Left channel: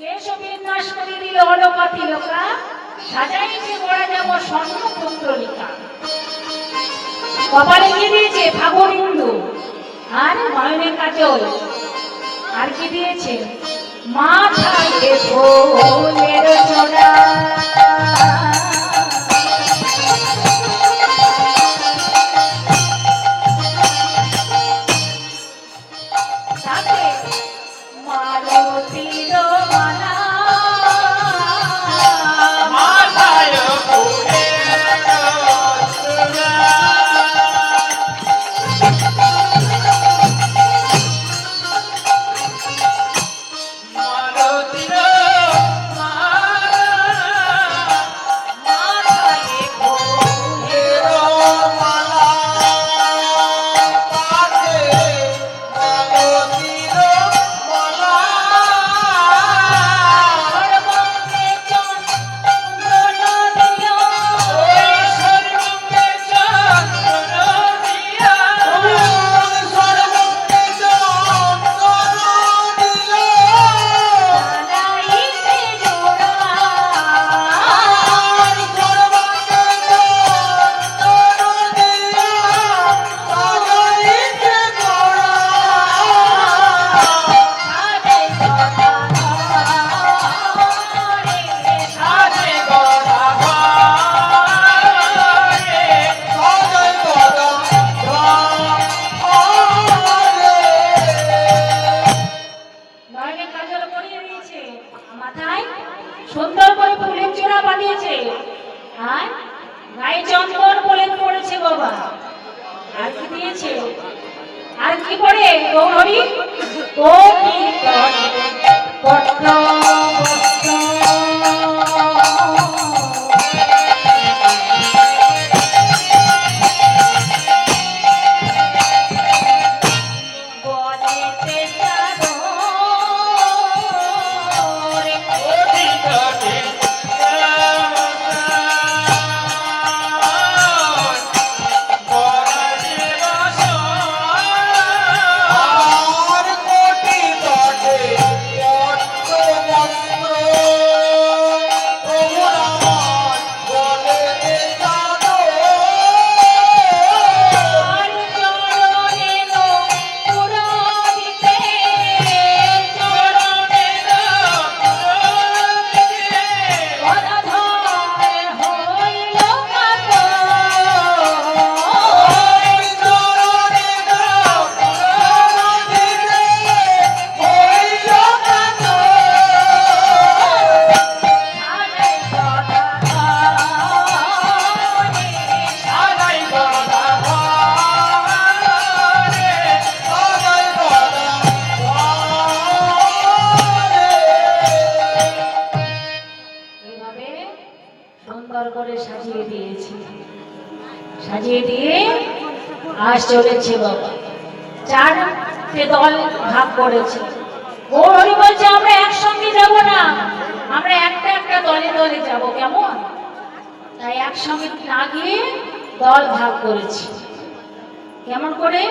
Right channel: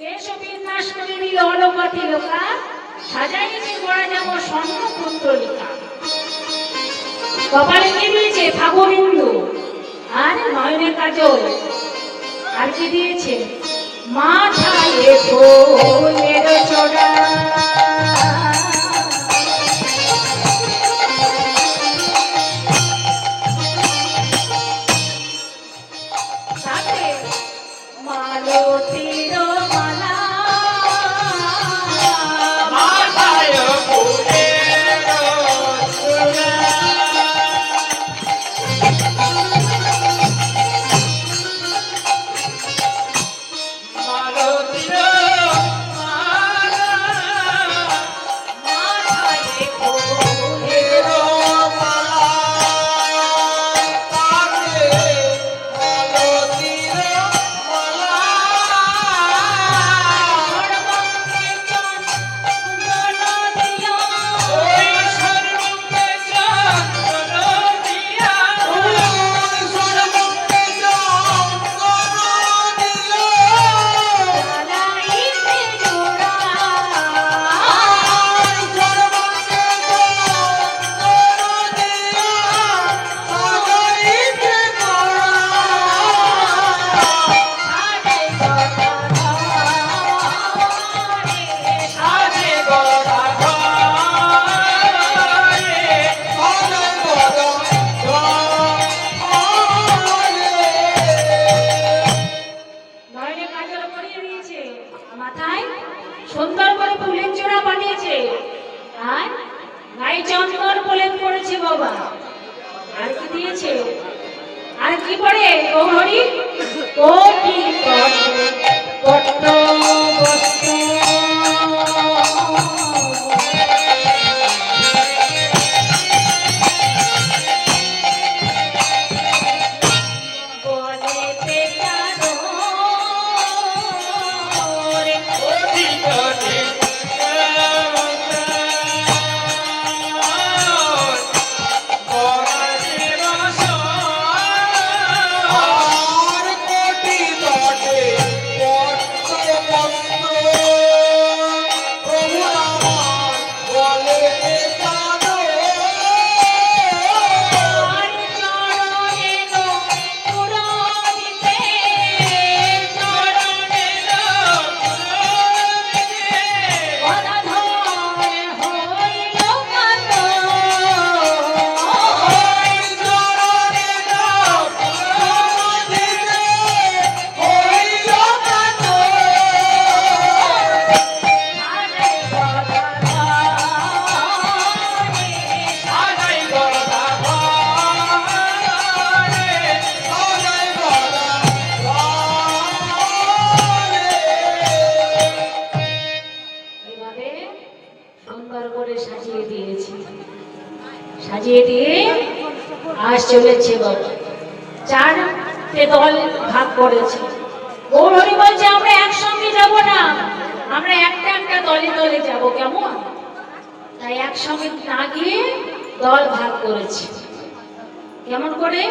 কেশবিন্যাস করে দিল অলপতি লোকা, সাজাইতে গড়া যাব স্বর্ণ কুণ্ডলিকা। কপালে কি দিয়েছে ফাগুবিন্দু, আর নয়নে কাজল, আর কি দিয়েছে মাথায় ফুলের চোরা। সুন্দর করে ফুলের চূড়া বানিয়েছে, আর গায়ে চন্দন বলেন পড়েছে বাবা। আর কি দিয়েছে, আর কি পড়ে গৌরী কোটি পট্ট সাজিয়ে দিয়ে আজ চলেছে বাবা। চারটে দল ভাগ করেছে। গৌরী বলছে আমরা একসঙ্গে যাব না, আমরা একটা একটা দলে দলে যাব, কেমন? তাই একসঙ্গে না গিয়ে দল ভাগ করেছে। কেমন করে?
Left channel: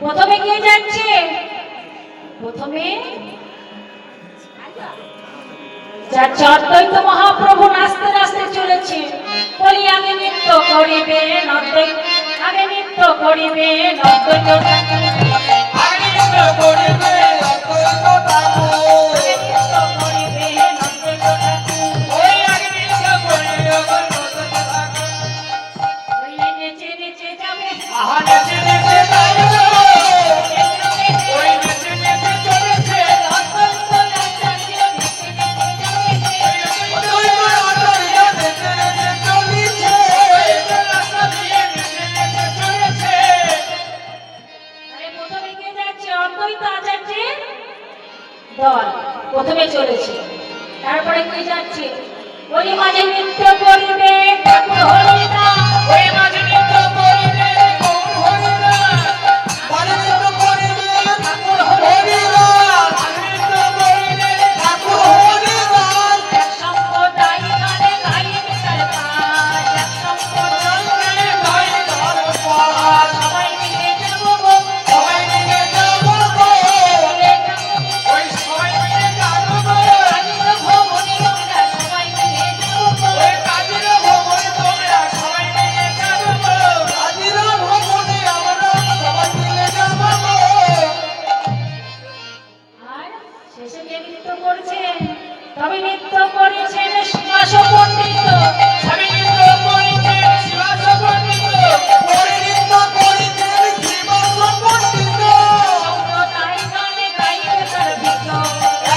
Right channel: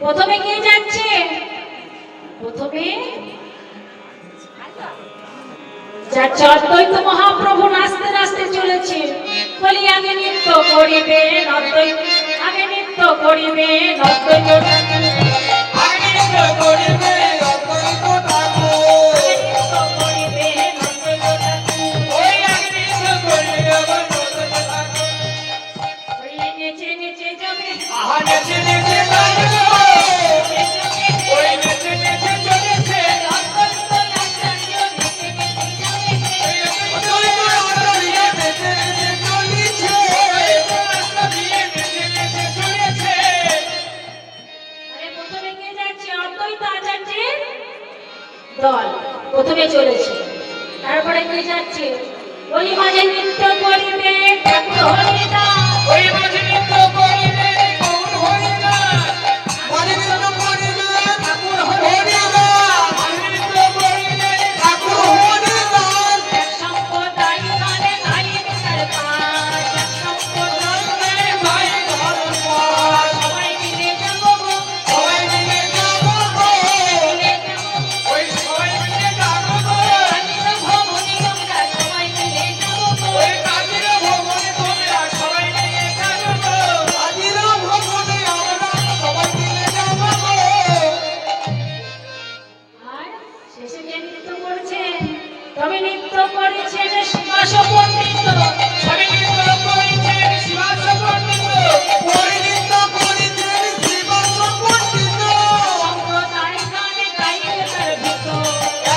প্রথমে কে যাচ্ছে? প্রথমে যাচ্ছে অদ্বৈত মহাপ্রভু, নাচতে নাচতে চলেছে। বলি আগে নৃত্য করিবে অদ্বৈত, আগে নৃত্য করিবে অদ্বৈত, আগে নৃত্য করিবে দল প্রথমে চলেছে। তারপরে কে যাচ্ছে? ওই মাঝে নৃত্য করিবে ঠাকুর হরিদাস, ওই মাঝে নৃত্য করিবে গৌর হরিদাস, মাঝে নৃত্য করিবে ঠাকুর হরিদাস, নৃত্য করিবে ঠাকুর হরিদাস। এক সম্প্রদায় গানে গাইবে তার পাশ, এক সম্প্রদায় গানে গাইবে তার পাশ। সবাই মিলে যাবো গো, সবাই মিলে যাবো গো, ওই সবাই মিলে যাবো গো। শেষে যে নৃত্য করছে, তবে নৃত্য করেছেন শিবাস পণ্ডিত। সবে নৃত্য করেছেন শিবাস পণ্ডিত। ওই নৃত্য করেছেন শিবাস পণ্ডিত। সম্প্রদায় গানে গাইতে তার ভিত।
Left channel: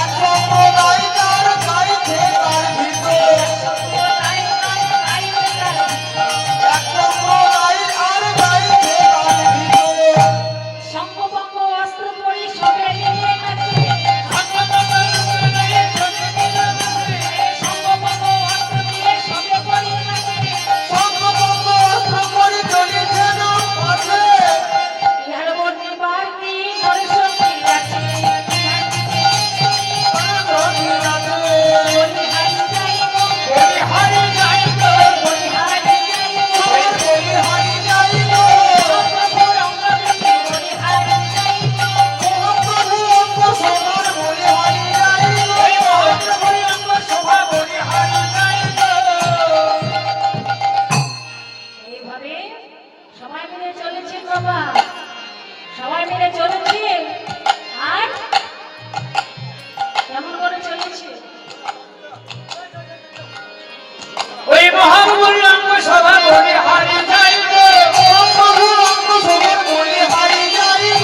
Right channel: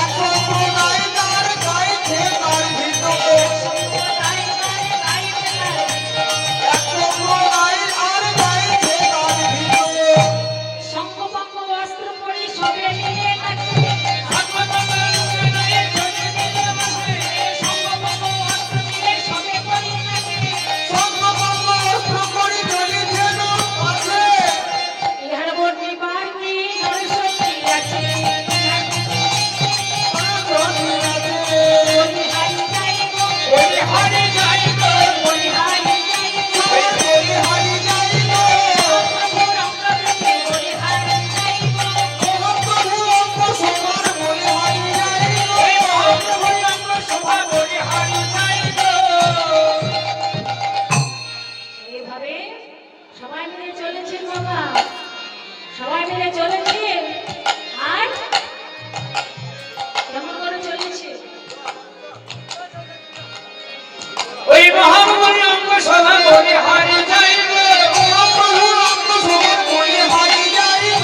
এক সম্প্রদায় তার গাইছে তার ভিত। সম্প্রদায় গানে গাইতে তার ভিত। এক সম্প্রদায় আর গাইছে তার ভিত। শঙ্খপক্ষ অস্ত্র পরি সবে মিলে নাচে। শঙ্খপক্ষ অস্ত্র পরি চলিছে না পথে। ইহার মধ্যে বাড়তি দর্শন আছে। অনন্তী রাধে। বলিহারি যাইব, বলিহারি যাইব। বলিহারি যাইব। বলিহারি যাইব। প্রভুর অঙ্গ দেখে বলিহারি যাইব। মহাপ্রভু অঙ্গ সবার বলিহারি যাইব। এইভাবে সবাই মিলে চলেছে বাবা, সবাই মিলে চলেছে। আর কেমন করে চলেছে? ওই মহাপ্রভুর অঙ্গ সবার বলিহারি যাইব। মহাপ্রভুর অঙ্গ সবার বলিহারি যাইব।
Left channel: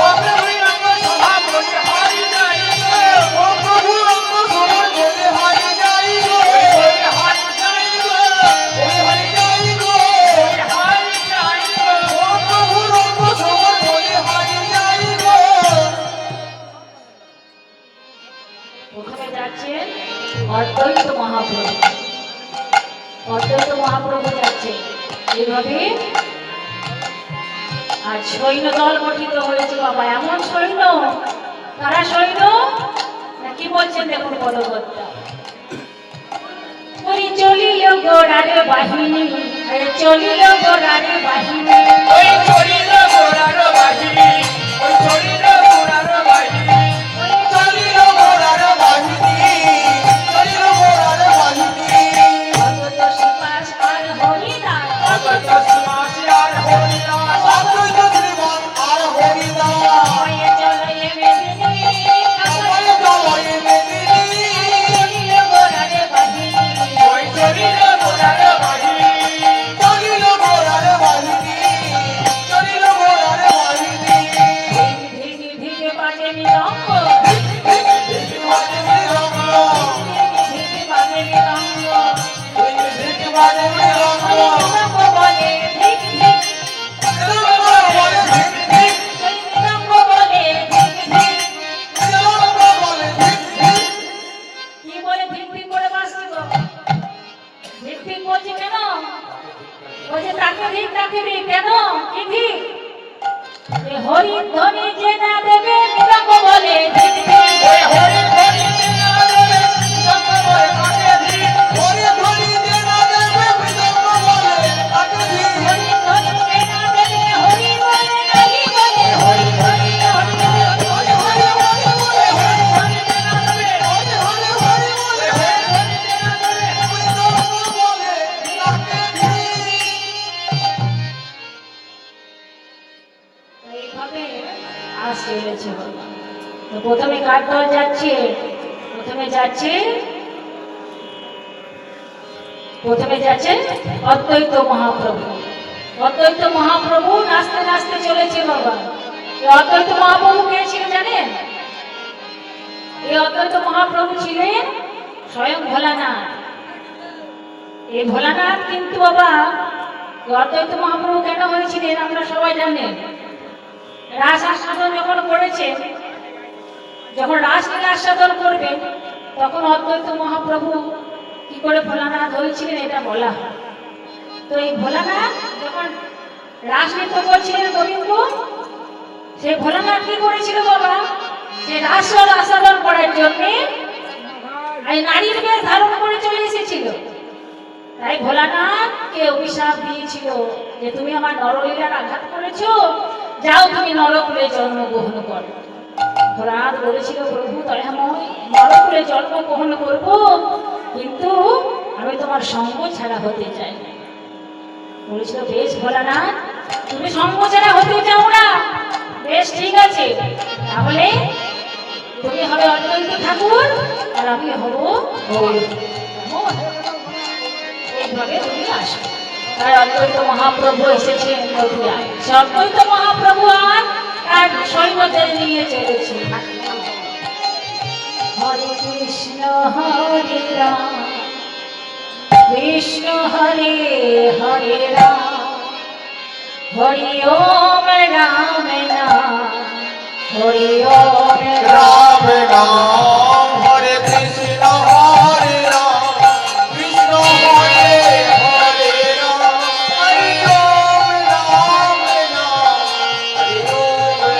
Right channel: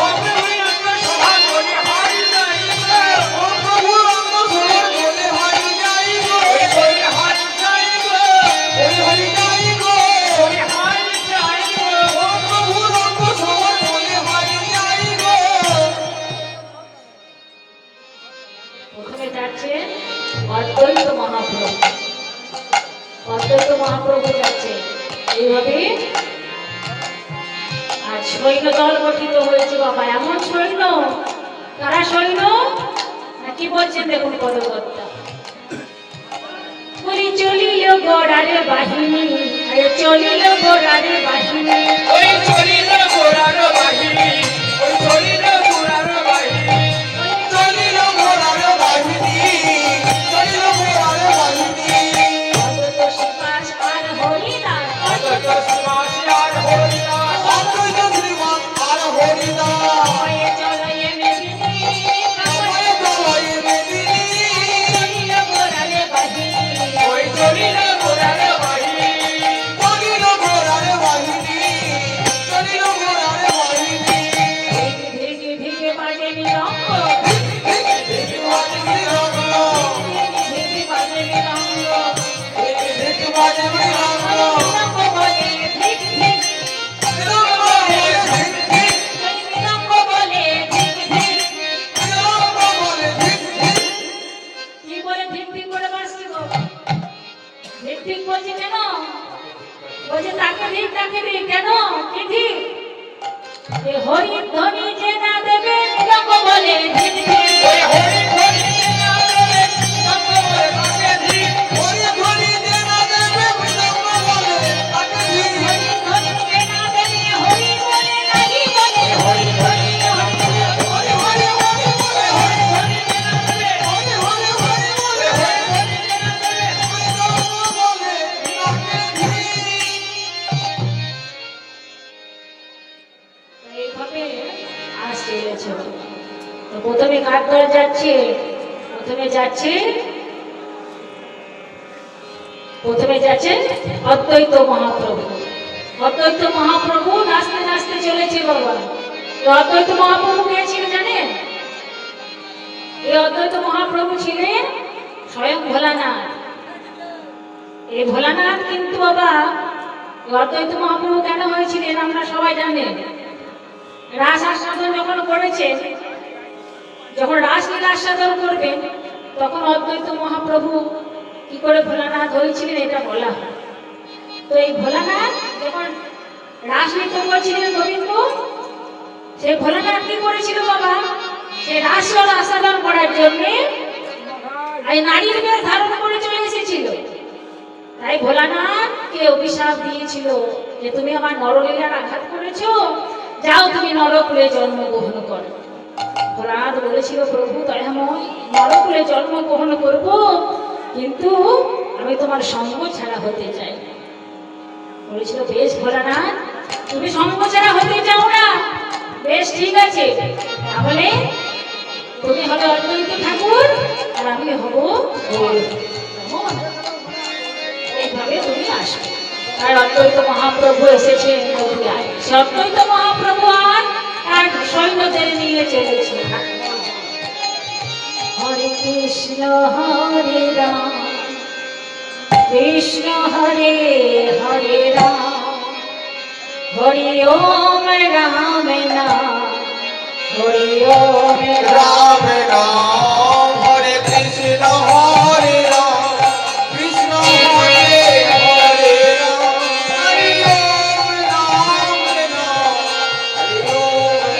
মহাপ্রভুর অঙ্গ সবার বলিহারি যাইব। মহাপ্রভুর অঙ্গ সবার বলিহারি যাইব। বলিহারি যাইব। বলিহারি যাইব। বলিহারি যাইব। মহাপ্রভুর অঙ্গ সবার বলিহারি যাইব। ওখানে যাচ্ছেন অদ্বৈত মহাপ্রভু। অদ্বৈত মহাপ্রভু যাচ্ছে। এইভাবে আজ সৈন্য দল গঠিত হয়েছে বাবা। এমন সৈন্য, তারা সৈন্য না কি বলছেন দেখুন পদকর্তা। ওই চলিল ঘোড়ার বাহিনী, আরে চলিল ঘোড়ার বাহিনী। ওই চলিল ঘোড়ার বাহিনী। ওই চলিল ঘোড়ার বাহিনী। চলিল ঘোড়ার বাহিনী। চলিল ঘোড়ার বাহিনী। অদ্বৈত শিবাস আর হরিদাস। অদ্বৈত শ্রীবাস আর হরিদাস। অদ্বৈত শ্রীবাস আর হরিদাস। সময়ে চলয়ে মেদিনী, সময় চলয়ে মেদিনী। চলিল ঘোড়ার বাহিনী। ওই চলিল ঘোড়ার বাহিনী। চলিল ঘোড়ার বাহিনী। চলিল ঘোড়ার বাহিনী। ধীরে ধীরে বাজে মৃদঙ্গ, ধীরে বাজে মৃদঙ্গ। মৃদঙ্গ বলে ধিক ধিক, সেই মৃদঙ্গ বলে ধিক ধিক। কি বলে ধিক ধিক করে বাজছে গো? ধিক ধিক বলছে কেন? বলছে তাকে ধিক কেন? কি ধিক? এ হরির ধ্বনি যে না দেবে মৃদঙ্গ বলে ধিক ধিক। মৃদঙ্গ বলে তাকে ধিক। হরির ধ্বনি যে না দেবে হরি বলে নাহি বলে। হরি ধ্বনি যে হরি বলে, হরি ধ্বনি যে না দেবে, এইভাবে আসছে এনেছে। তো প্রথমে কার দল যাচ্ছে? প্রথমে যাচ্ছে অদ্বৈত মহাপ্রভু। অদ্বৈত মহাপ্রভু নাচতে নাচতে চলেছে বাবা। এই অদ্বৈত মহাপ্রভু কে ছিল জানেন? এই অদ্বৈত মহাপ্রভু ছিলেন স্বয়ং ভোলানাথ। এই ভোলানাথ কিন্তু বাবা, এই অদ্বৈত মহাপ্রভু কেন হয়েছিলেন আমরা সবাই জানেন। রাস আস্বাদন যখন করেছে, যখন রাসলীলা আস্বাদন করবেন, তখন অদ্বৈত মহাপ্রভু কি করে ভোলানাথ হয়েছিলেন এটা বলা হয়। তো এই ভোলানাথ যখন রাসনৃত্য করছিলেন গোবিন্দ, সেই ভোলানাথ কি করেছিল বাবা? সে রাসলীলা আস্বাদন করার জন্য এই নারীর বেশ ধারণ করে চলে এসেছিল। তাই ভোলানাথকে অভিশাপ দিয়েছিল যে তুমি আমার নরলীলার আঘাত করেছো, যাও তুমি নরকুলে জন্মগ্রহণ করো। ভোলানাথ বলেছিল প্রভু দয়াময়, নরকুলে জন্মগ্রহণ করব, কিন্তু আমি তোমার সঙ্গ ছাড়া হতে চাই। বলেছিল বেশ ভোলানাথ, তুমি সঙ্গ ছাড়া হতে চাও না, বেশ ঠিক আছে, তাহলে তুমি হবে অদ্বৈত ঠাকুর আর আমি হব গৌর। এইভাবে তুমি আসবে। আর অদ্বৈত মহাপ্রভু এসেছেন মথুরায়। সে অদ্বৈত মহাপ্রভু আর সৈন্যদের নিয়ে চলেছে। হরে কৃষ্ণ হরে রাম কৃষ্ণ হরে হরে রাম হরি ওম রাম নাম হরি ওম রাম রাম নাম হরে কৃষ্ণ হরে রাম কৃষ্ণ হরে হরে রাম হরে ওম রাম নাম হরে ওম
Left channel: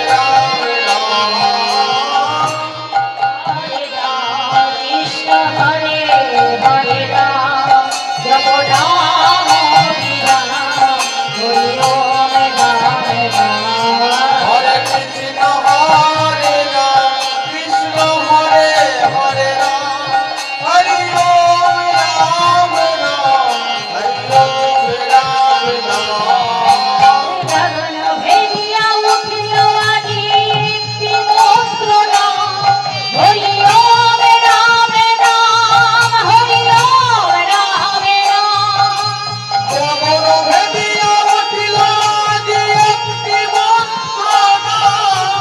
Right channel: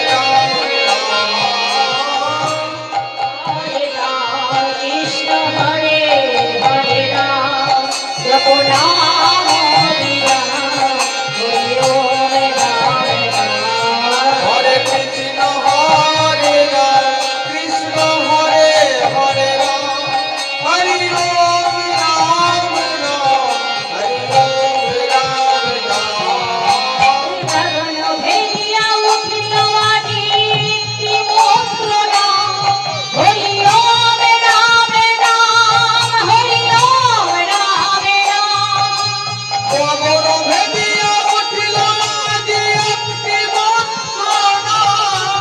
রাম নাম হরে রাম কৃষ্ণ হরে হরে রাম জপ নাম হরি রাম হরি ওম রাম নাম হরে কৃষ্ণ হরে রাম কৃষ্ণ হরে হরে রাম হরি ওম রাম নাম হরি ওম রাম নাম গগন ভেদিয়া উঠিল আজি একটি মন্ত্র নাম হরি ওম রাম নাম হরি ওম রাম নাম গগন ভেদিয়া উঠিল আজি একটি মন্ত্র নাম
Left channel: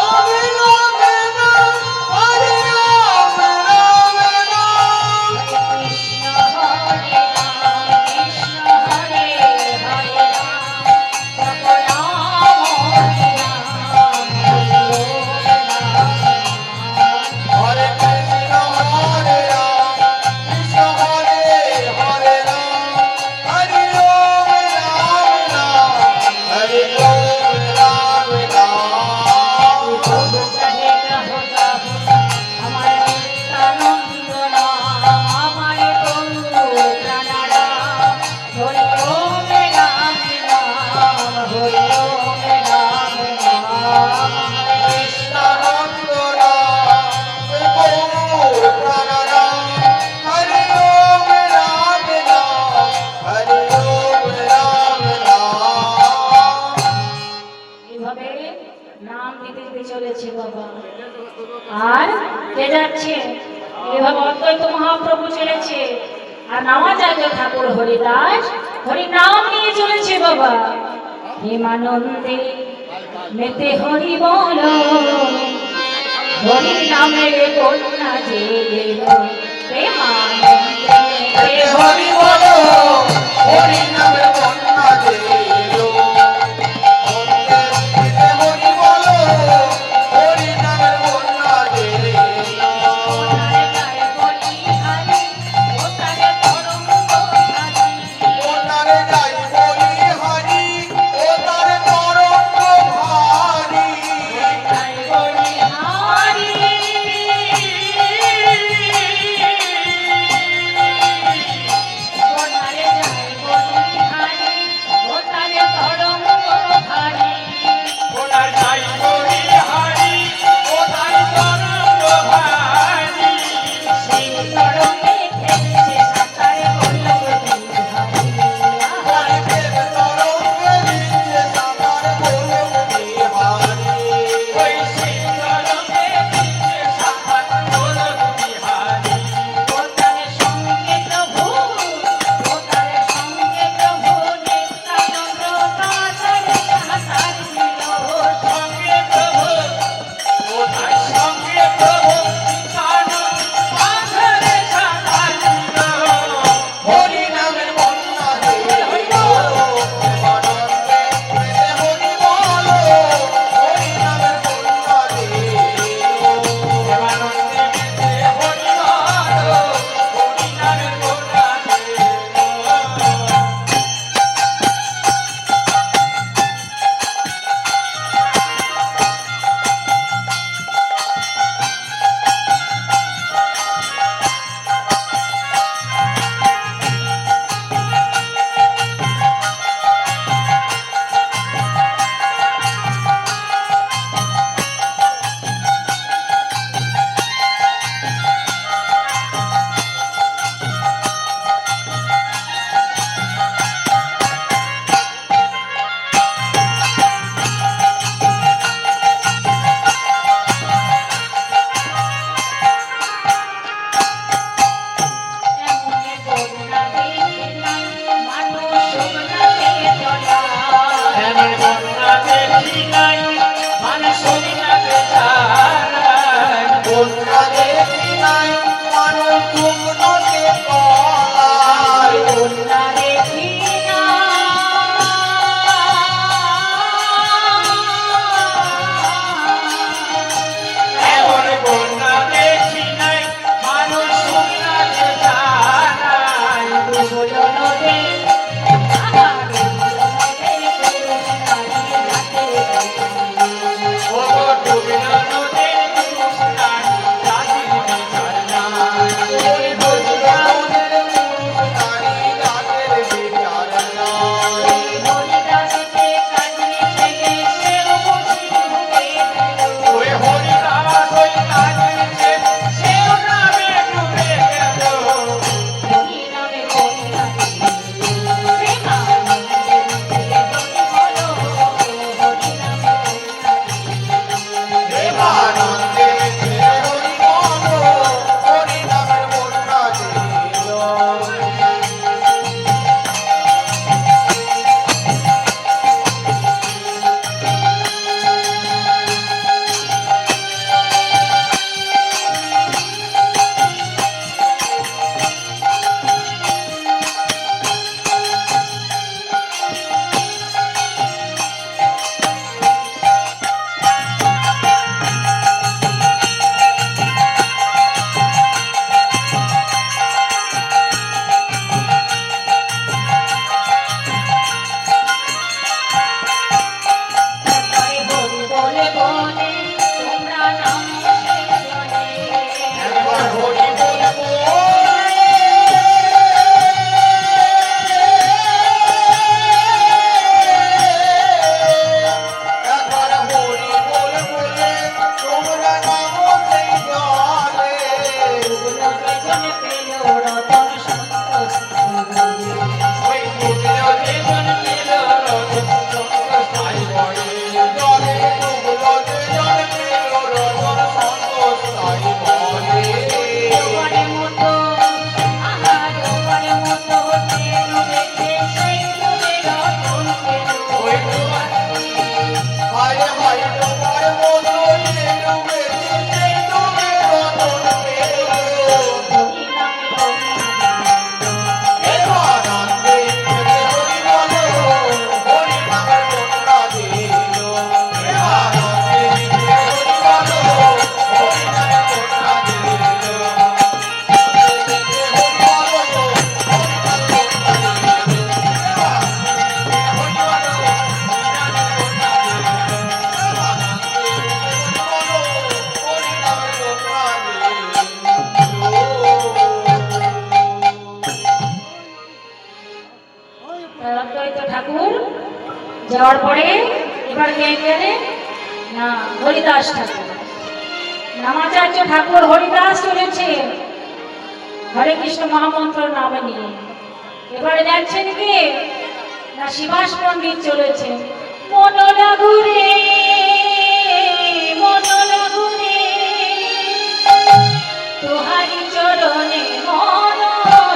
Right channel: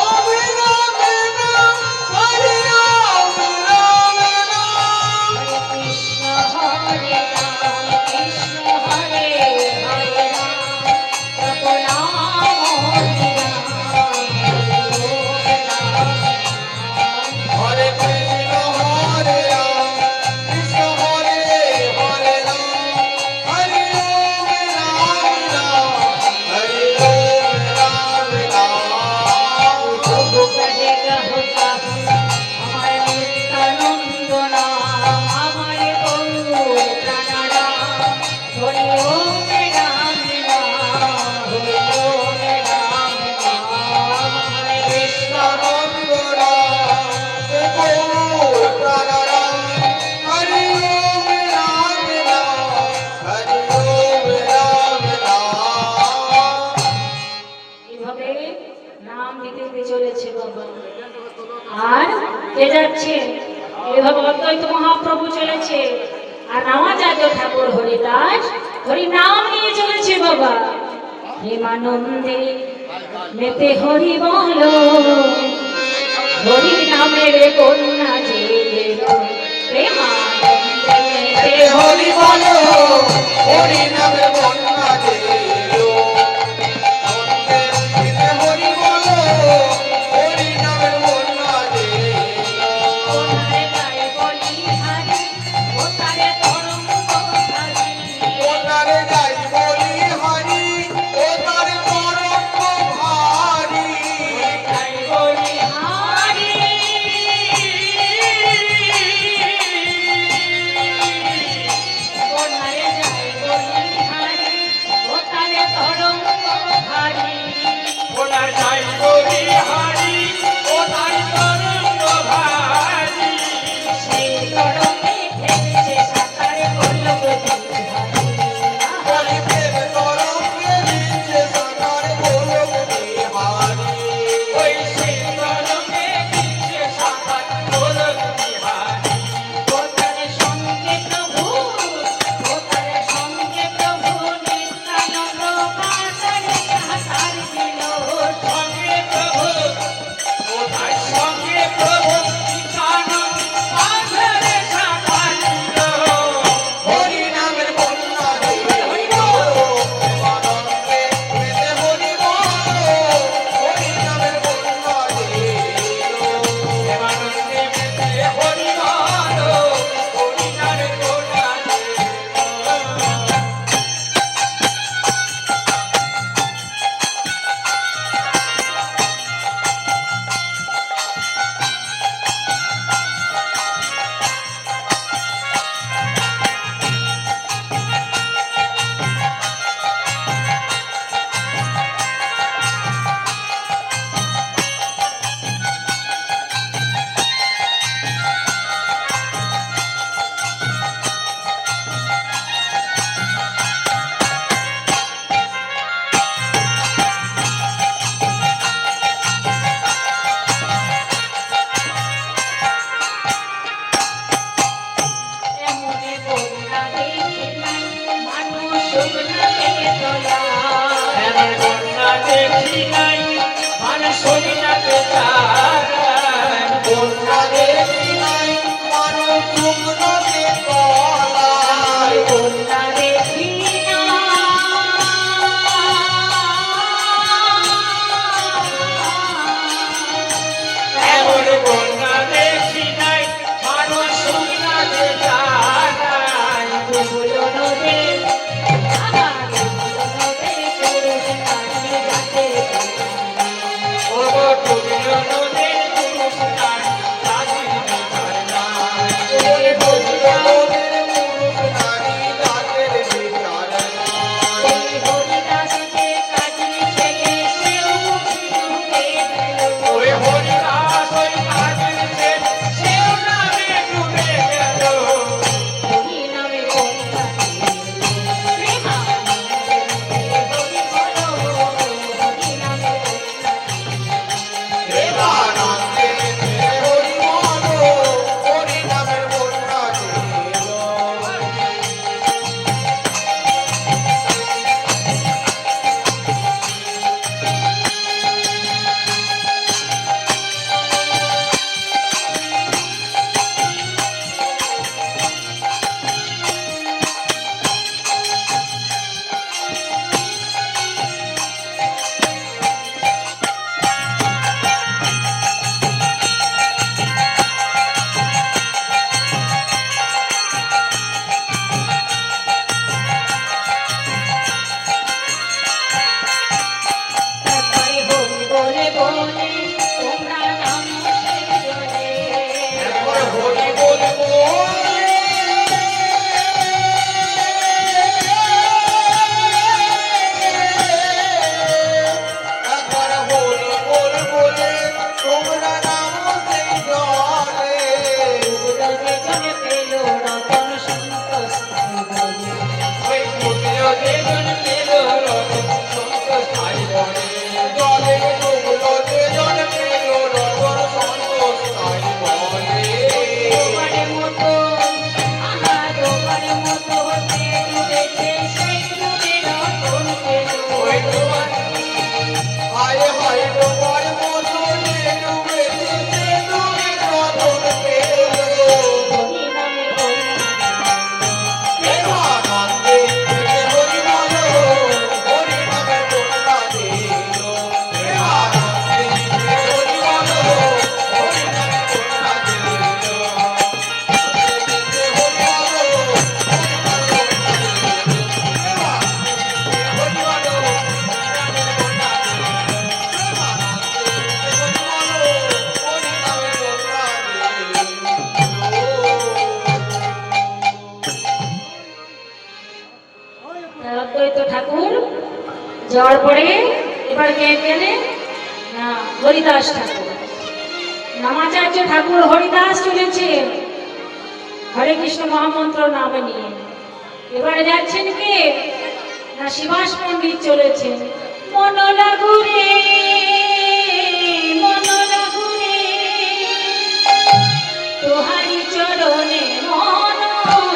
অবিরামে নাম হরি রাম রাম নাম কৃষ্ণ হরে রাম কৃষ্ণ হরে হরে রাম জপ নাম হরি রাম হরে কৃষ্ণ হরে রাম কৃষ্ণ হরে হরে রাম হরি ওম রাম নাম হরি ওম রাম নাম প্রভু কহে কহো কহো আমার নিত্যানন্দ নাম আমার গৌর প্রাণারাম হরি ওম রাম নাম হরি ওম রাম নাম হরে কৃষ্ণ এভাবে নাম দিতে দিতে চলেছে বাবা। আর কে যাচ্ছে? এভাবে অদ্বৈত মহাপ্রভু চলেছে আর নামাচার্য ঠাকুর হরিদাস হরি নাম নিয়ে চলেছে বাবা। প্রেমানন্দে মেতে হরি বলো হরি নামের কন্যা যে গেল প্রেমানন্দে মেতে হরি বলো ওনারে গায়ে বলি হারি ওতারে তরঙ্গ ভারি গায়ে বলি হারি বন্যা দেখি নাই মানুষ হরিনাথে চায় বন্যা দেখি নাই মানুষ শুকনোতে তলায় বন্যা দেখি না এমন বন্যা দেখি নাই মানুষ হরিনাথে চায় ডুবলো নদে ও ডুবিল নদীর তুষার রাজির বিচার নাই ডুবিল নদীর তুষার রাজির বিচার নাই হরিদাসকে কাজে ছেড়ে সেও ডুবে গেল ওই হরিদাস ওই কাজে সেও নামে ডুবে গেল হরি নামে প্রেমানন্দে হরি বলো হরি নামের বন্যা ছিল হরি বলে বলে তোমরা নাম জলে একবার হরি বলবো একবার হরি বলবো তোমরা নাম সেই জলে জলে পেল রতন সন্তোষ ওই ডুবিল যেজন পেল রতন সন্তোষ তাই বলে জলে ডুবলো যেজন পেল রতন সন্তোষ তাই বলে তোমার মতো আহা তোমার মতো ডুবেছে সেই ডুবে রতন পেল ওই তোমার হায় হায় তোমার মতো যে ডুবেছে সে ডুবে রতন পেল হরি নামে প্রেমানন্দে হরি বলো হরি নামের বন্যা দিল প্রেমানন্দে হরি বলো হরি নামের বন্যা দিল অদ্বৈত ঠাকুর যাওয়ার পরে এবার কে গেলে না হরিদাস ঠাকুর নামাচার্য ঠাকুর হরিদাস চলেছে হরে কৃষ্ণ মহামন্ত্র নামে নিয়ে এবারে যাচ্ছেন কে না শিবাস পণ্ডিত চলেছেন মন লাগুরে তোহারি চরণে মন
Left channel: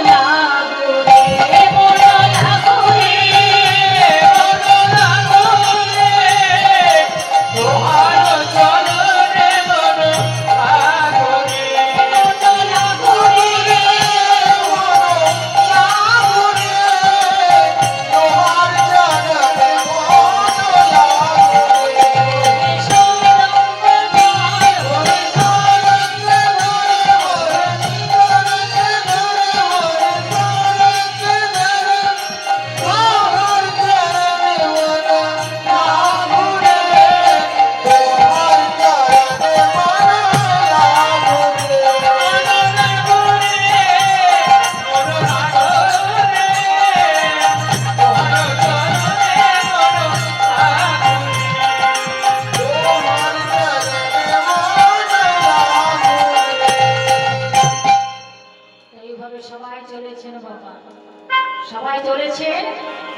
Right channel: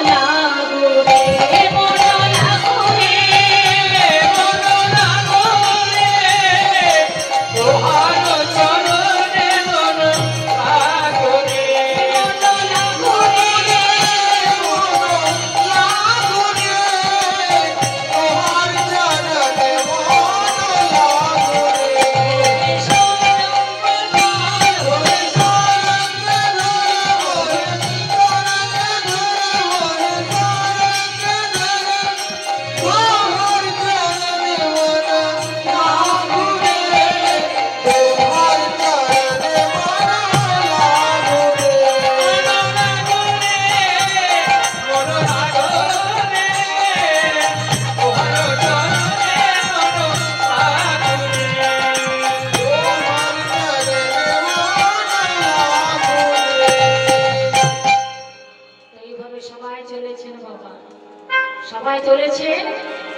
লাগুরে মন লাগুরে তোমার চরণে মন আগরে মন লাগুরে তোমার চরণে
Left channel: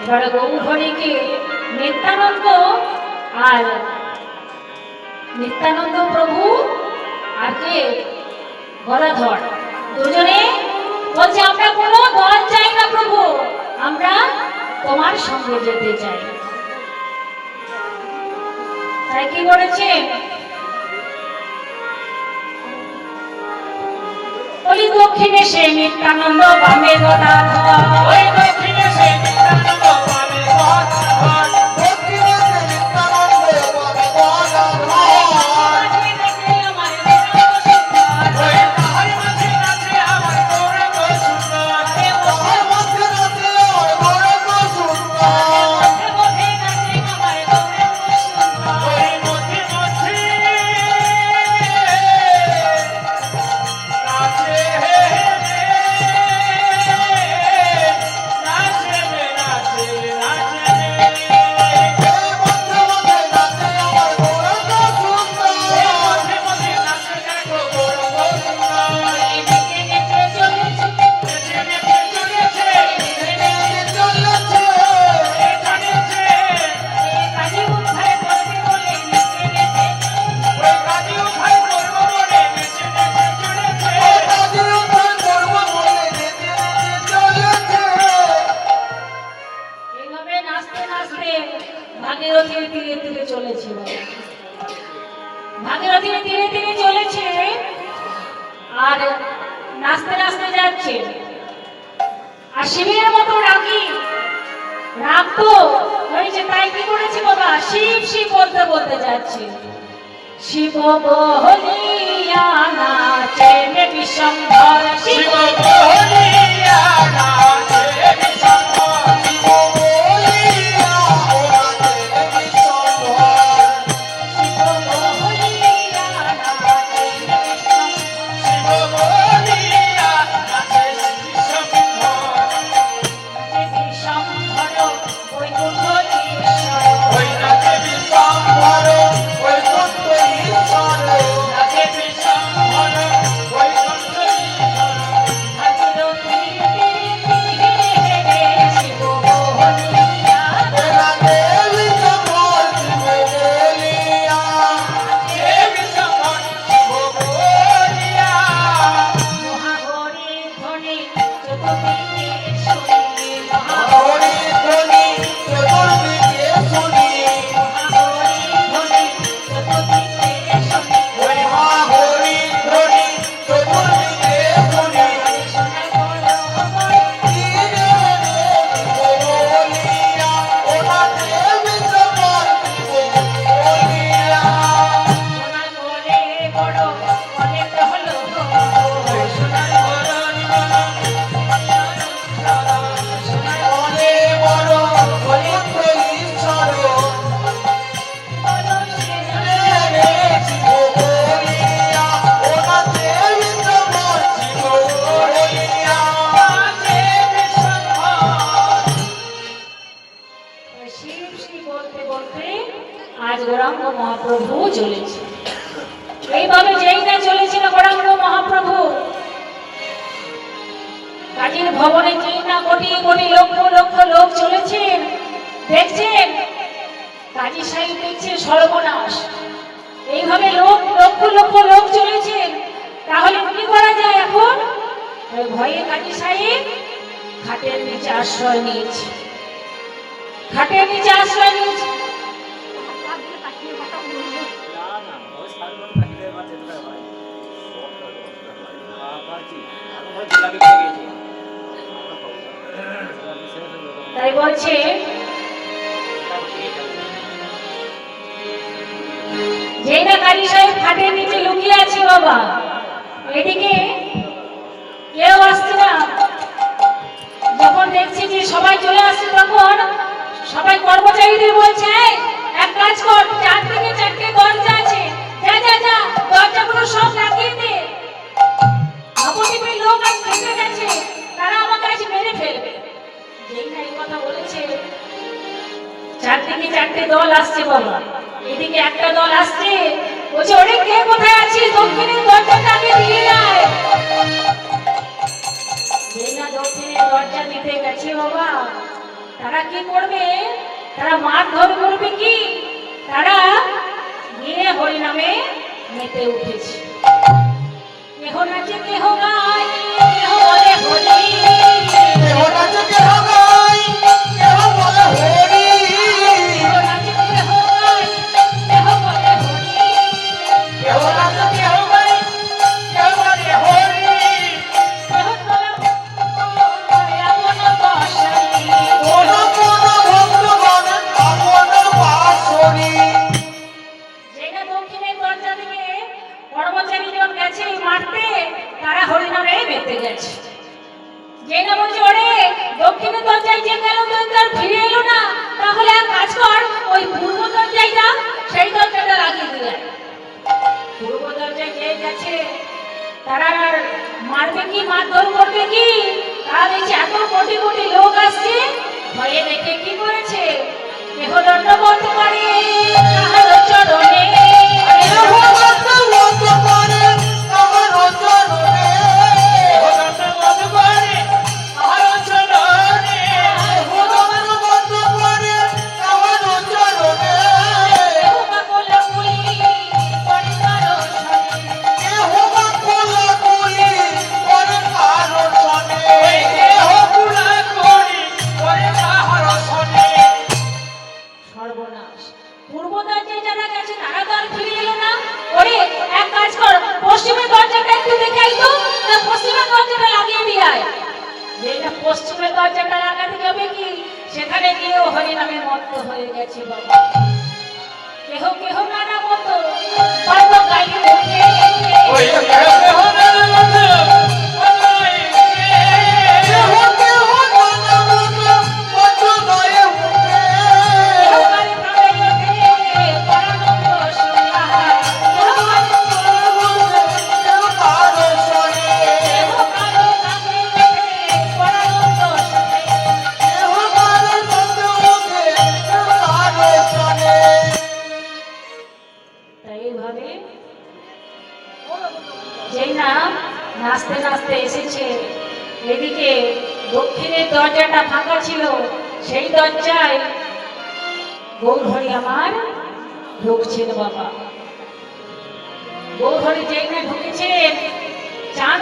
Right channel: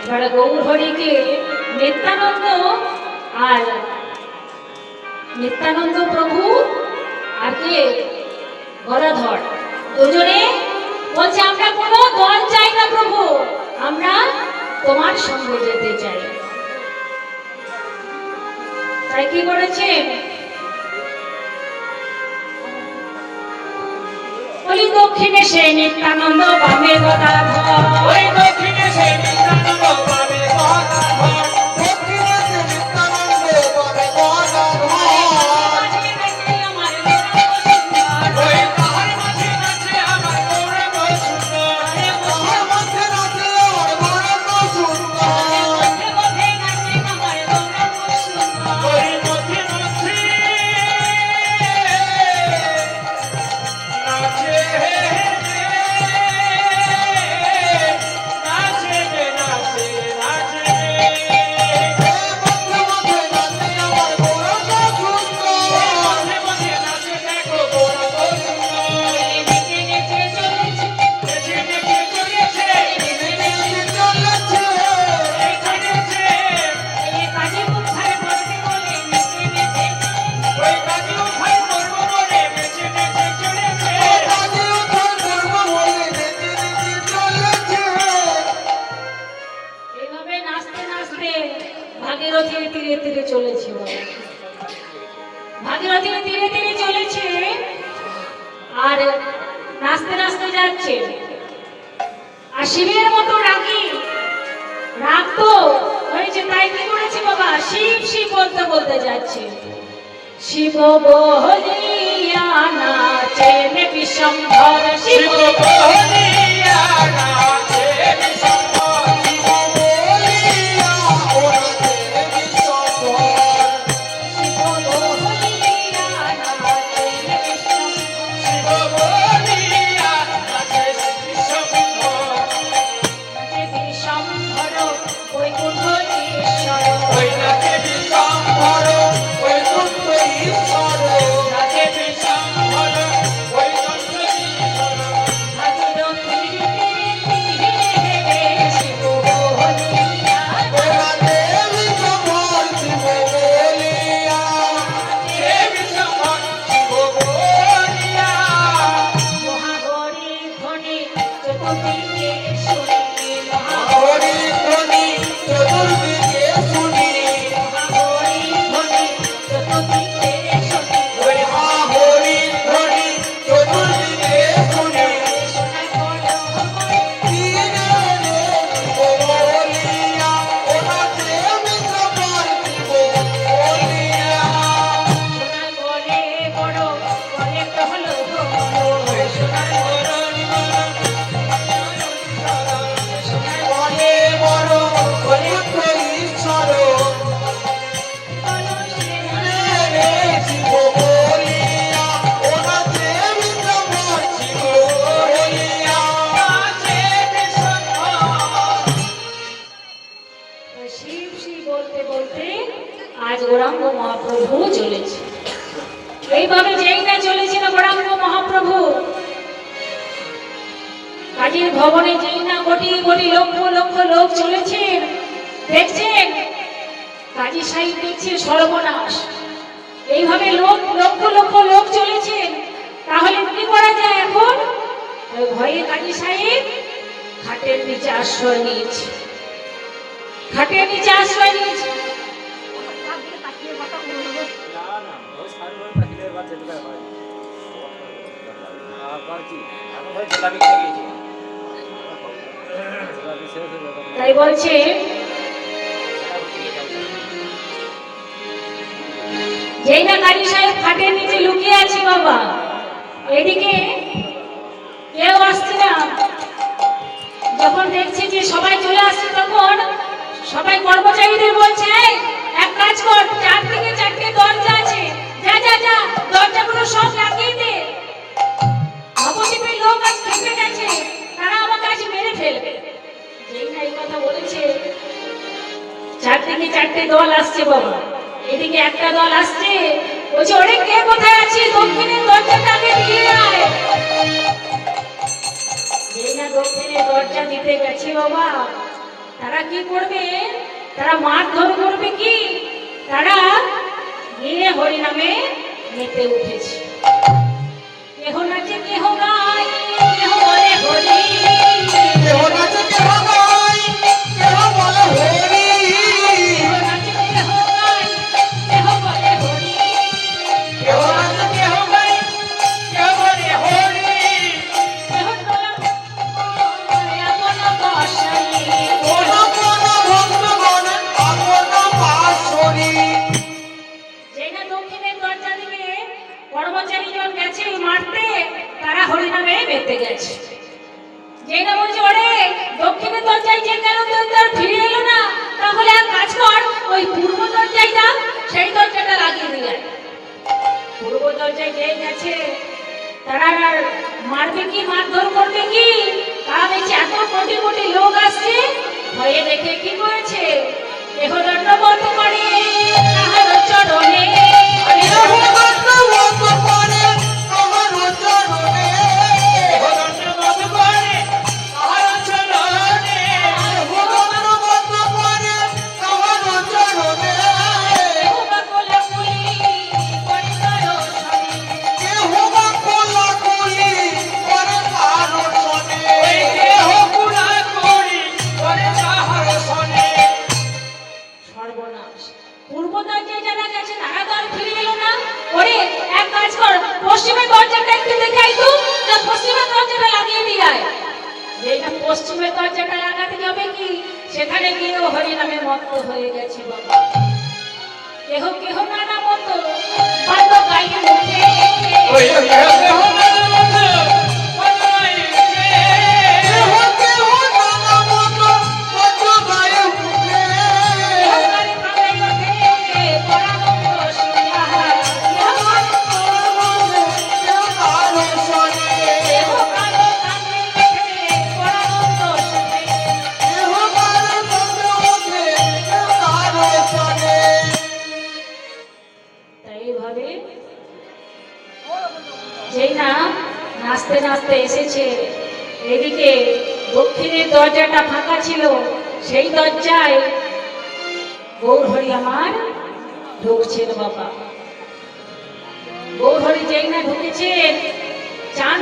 এবার গৌর হরিকে নিত্যানন্দ আর নিত্যানন্দ প্রভু আর কে গদাধর দুজনে বলছে আমরা কোনো দল চাই না প্রভু, আমরা তোমার সঙ্গে যেতে চাই। তাই কি করেছে, ওই দক্ষিণে সে নিত্যানন্দ বামে গদাধর, ওই দক্ষিণে সে নিত্যানন্দ বামে গদাধর, দক্ষিণে সে নিত্যানন্দ বামে গদাধর। মাঝে নাচে আমার গৌরাঙ্গ সুন্দর, ওই তাহার মাঝে নাচে আমার গৌরাঙ্গ সুন্দর, তাহার মাঝে নাচে আমার গৌরাঙ্গ সুন্দর। মধ্যে মধ্যে নাচে আমার গৌরাঙ্গ সুন্দর। ওই মধ্যে মধ্যে নাচে নাচে রে, নাচে নাচে রে। মধ্যে মধ্যে নাচে আমার গৌরাঙ্গ সুন্দর, মধ্যে মধ্যে নাচে দেখো গৌরাঙ্গ সুন্দর। নেচে নেচে চলেছে, নেচে নেচে চলেছে, নেচে নেচে চলেছে, চলেছে। এই কাজে উদ্ধার করতে বলে নেচে নেচে, ওই কাজে উদ্ধার করব বলে নেচে নেচে চলেছে, কাজে উদ্ধার করব বলে নেচে নেচে চলেছে। এইভাবে নাচতে নাচতে ভাগীরথীর তীরে তীরে চলেছিল, ভাগীরথীর তীরে তীরে চলেছে আর নাচতে নাচতে যাচ্ছে। আর শিবের মতো রাগি, রাগ তো হয়েছে, তাই কি করেছে বাবা, শিব শিব বলতে বলতে যাচ্ছে। শিব বলিয়া নাচেন বিশ্বম্ভর, শিব বলিয়া নাচে বিশ্বম্ভর, শিব বলিয়া ও নাচে বিশ্বম্ভর, শিব বলিয়া নাচেন বিশ্বম্ভর, শিব বলিয়া নাচে বিশ্বম্ভর। যে বিশ্বম্ভর বৈকুণ্ঠ ঈশ্বর, ওই নাচে বিশ্বম্ভর বৈকুণ্ঠ ঈশ্বর, নাচে বিশ্বম্ভর বৈকুণ্ঠ ঈশ্বর। ভাগীরথীর তীরে শিব বলিয়া ওরা দেবী সম্ভর শিব বলিয়া, দেবী সম্ভর শিব বলিয়া। মহাগৌরী ধ্বনি চতুর্দিকে শুনি, হরি ধ্বনি চতুর্দিকে শুনি, মহাগৌরী ধ্বনি চতুর্দিকে শুনি, ওই মা হরি ধ্বনি চতুর্দিকে শুনি। শোনাই বলো আমার কি রে রে শিব বলিয়া, ওরা দেবী সম্ভর শিব বলিয়া। শোনাই বলে বড় বলে হলো শোনাই বড় শোনাই বলে বড় বৈকুণ্ঠ ঈশ্বর, বলো রে রে শিব বলিয়া, ওরা দেবী সম্ভর শিব বলিয়া। দেবী সম্ভর শিব শিব বলতে বলতে আজ গৌরাঙ্গ মহাপ্রভু চলেছে। এইভাবে যেই না চলেছিল গৌরাঙ্গ মহাপ্রভু, কাজের ভবনে যেই না কোটি কোটি লক্ষ লক্ষ লোক চলেছেন, দেখছেন কাজী সাহেব দেখছে সর্বনাশ। এইভাবে লোক লক্ষ লক্ষ লোক চলেছেন, তাহলে কি করা যায় এখন? ওই ভয়ে কাজী সাহেব খাটের নিচে আশ্রয় নিয়েছে, খাটের নিচে আশ্রয় নিয়েছে। তাই বলছে যেই না কাজী সাহেব খাটের নিচে লুকিয়ে আছে বাবা, এদিকে কেউ আসছে না। যখন দেখছি যে সবাই চলে আসছে, তখন সবাই কর্মচারীদের বলছে "এই, এক কাজ কর, চারদিকে চারটে দরজা আছে, যা যা যা দরজাগুলো সব লাগিয়ে দে। নবদ্বীপের লোক আজ খেপে গেছে, তারা আমাকে আজ মেরে ফেলবে।" যেই না এই কথা বলেছে, চারদিকে চারটে দল আসছে বাবা। এদিকে একটা দল আসছে, বলছে ওরে কে কোথায় আছিস, দক্ষিণের দরজাটাকে দিয়ে আয়। যেই না দক্ষিণের দরজা দিতে গেছে বাবা, তারা কি করবে, তারা মারধর করবে কি, তারা গিয়ে হরিনামে মেতে উঠেছে। কেহ নাচে কেহ গায়, কেহ বলে হরি, কেহ নাচে কেহ গায়, কেহ বলে হরি, কেহ নাচে কেহ গায়, কেহ বলে দক্ষিণের দরজায় যে কেন তোর ফিরে এলো না, তাহলে এক কাজ কর, ওই পূর্ব দরজায় যা, সেই দরজাটা লাগিয়ে দিলে। পূর্ব দরজায় কে গেছে, তারা আর মারবে কি, মারধর করবে কি? তারা দেখছে এত কোটি কোটি লোক আসছে, ভয়ে দেখে কি করেছে, দেহ দণ্ডবত করে তাহার চরণে। সর্বনাশ, পূর্ব দরজায় যারা গেছে তারা তো আর ফিরে এলো না। ওরে এক কাজ কর, পশ্চিমের দরজাটা একটু দেখে আয় তো, না পশ্চিমের দরজাটা লাগিয়ে দিয়ে আয়। যেটা পশ্চিমের দরজাটা লাগাতে যাবে কি, সেখানে গিয়েও হরি নামে মত্ত হয়ে গেছে বাবা। কেহ কেহ নানা মতো বাদ্য গাইতে ওঠে, এইভাবে যেই না নাচতে নাচতে এসেছে, এদিকে দক্ষিণের দরজাটা ফাঁকা ছিল, সেই দরজায় গৌরহরি আমার ঢুকছিল বাবা। গৌরহরি যেই না ঢুকেছে, চাঁদ